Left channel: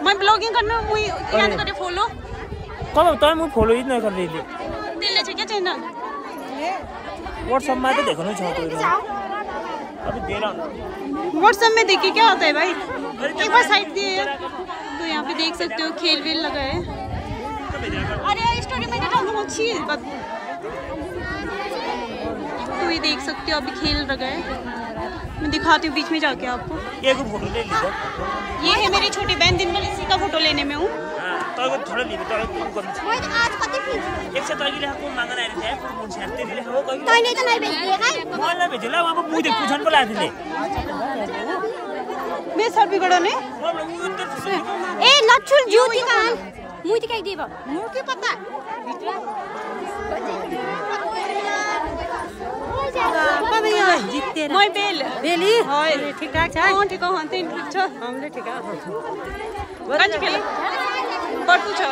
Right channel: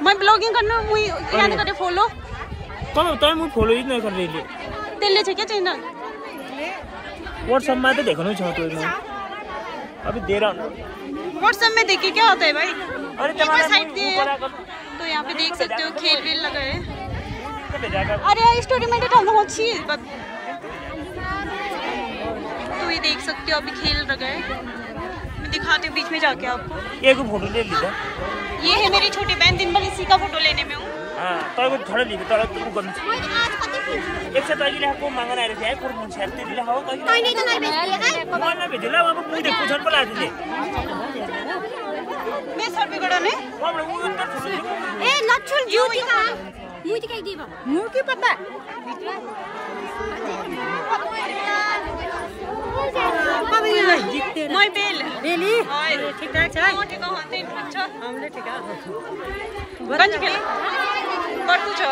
मैं ब्लॉगिंग करना मुई याद करे फॉलो कौन होता है मुई फॉलो ही नहीं कर रही तेले छे क्या चैनल व्हाट्सएप में तो देखना चाहते हो अभी दे रहा व्हाट्सएप में देखिए क्या होता है भाई एक बार साइड दिए यार तो यहाँ पे देख सकते हो खेल वेल लगा है अरे यार स्टोरी में तो बहुत अच्छी है तो ये देख सकते हो अभी खेल लगा है मैं दिखाती हूँ बीच में जाके आपको एक फोटो ले लीजिए ये है मेरी छोटी बहन दिन भर इसी का फोटो लेने में हूँ तो थोड़ा ली तो एक से ताकि को मांगना है जाए कोई पूछ करते ले हो कोई नहीं तो नहीं भेज ना भेजला वहां पे मुझे पूछन को ला दे मैं सब बिगड़ो ने ए लच्छुल ज्योति का मुझे क्या देबा मुझे की पता जितते मैं बेली ठीक ठाक छ ठीक हो हन्ते ठीक छ हामीले ठीक छ गन्ज खेल बर्तु छ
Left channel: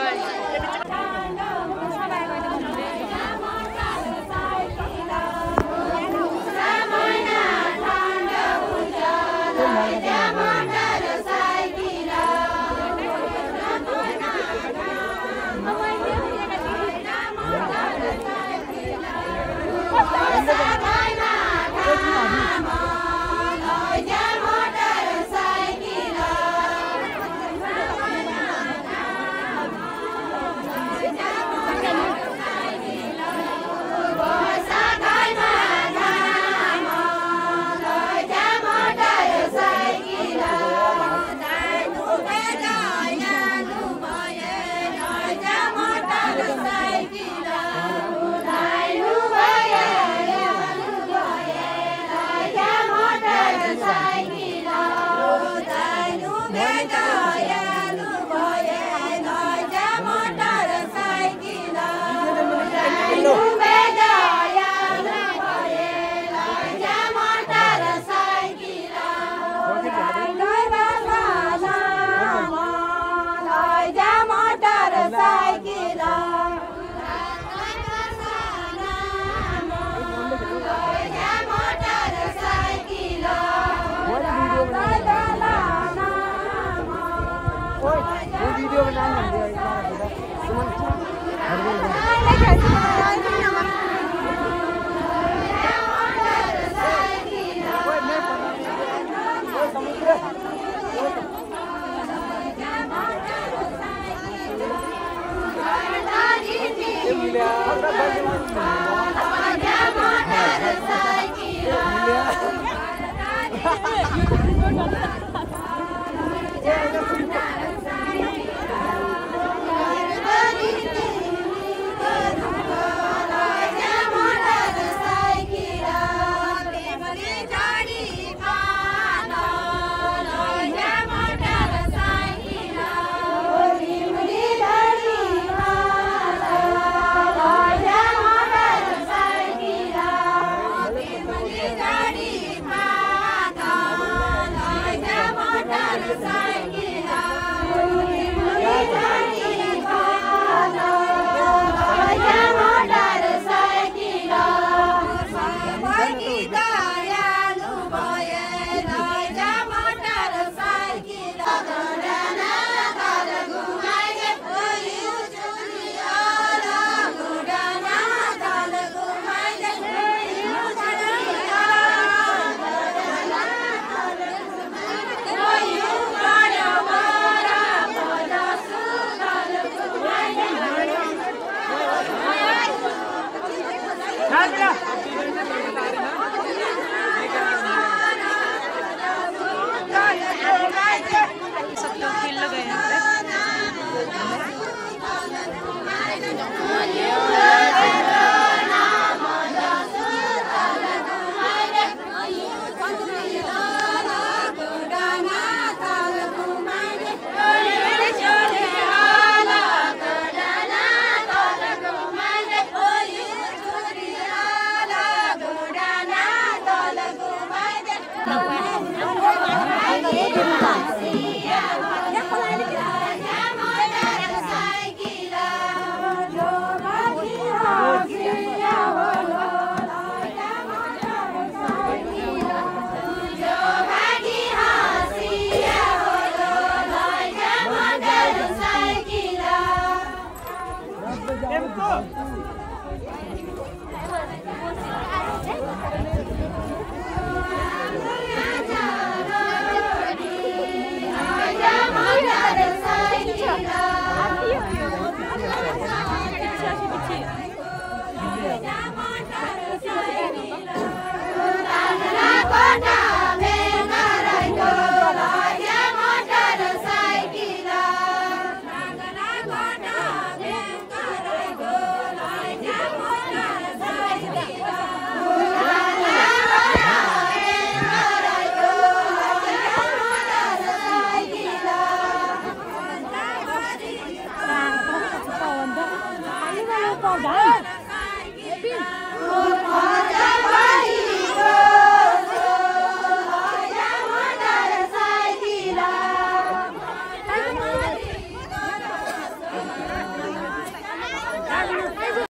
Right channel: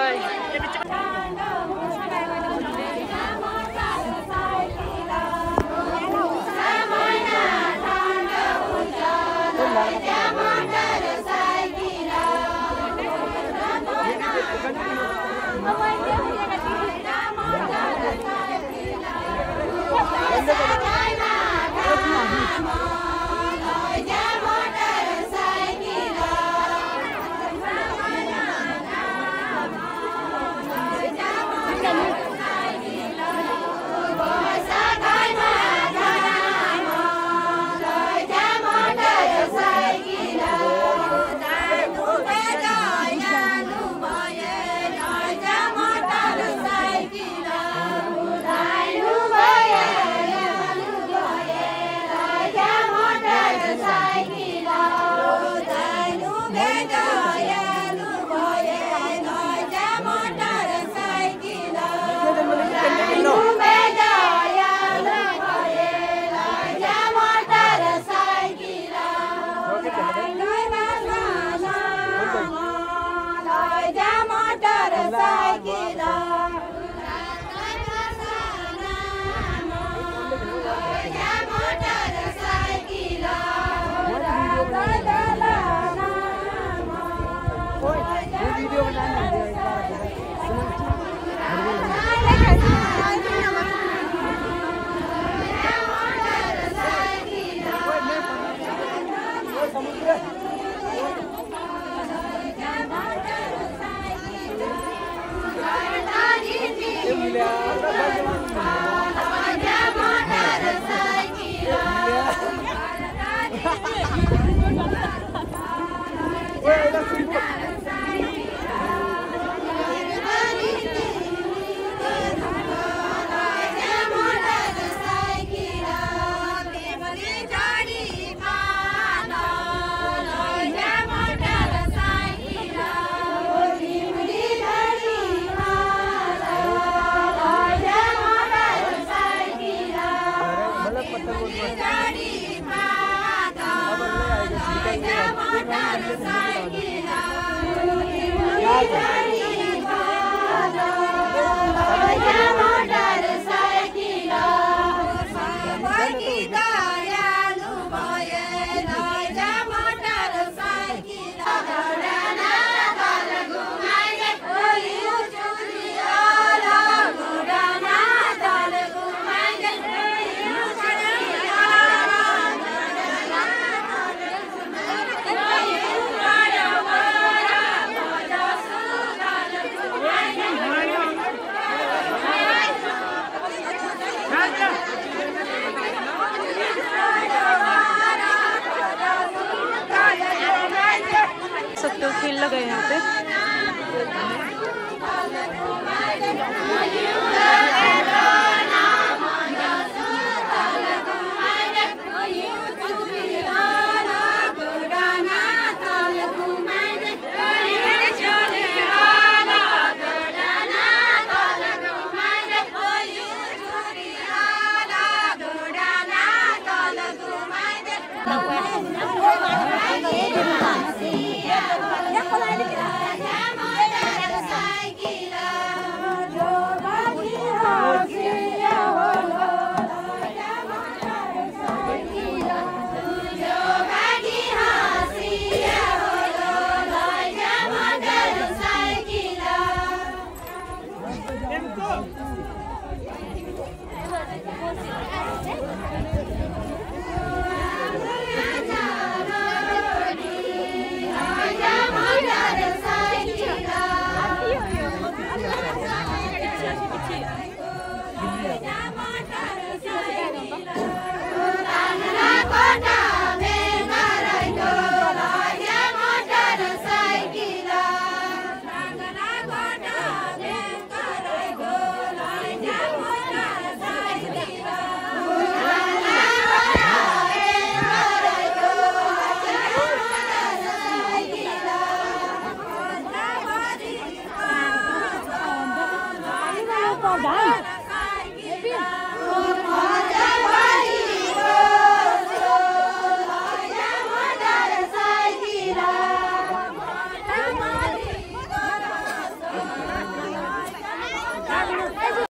खेल लगा है यहाँ पे।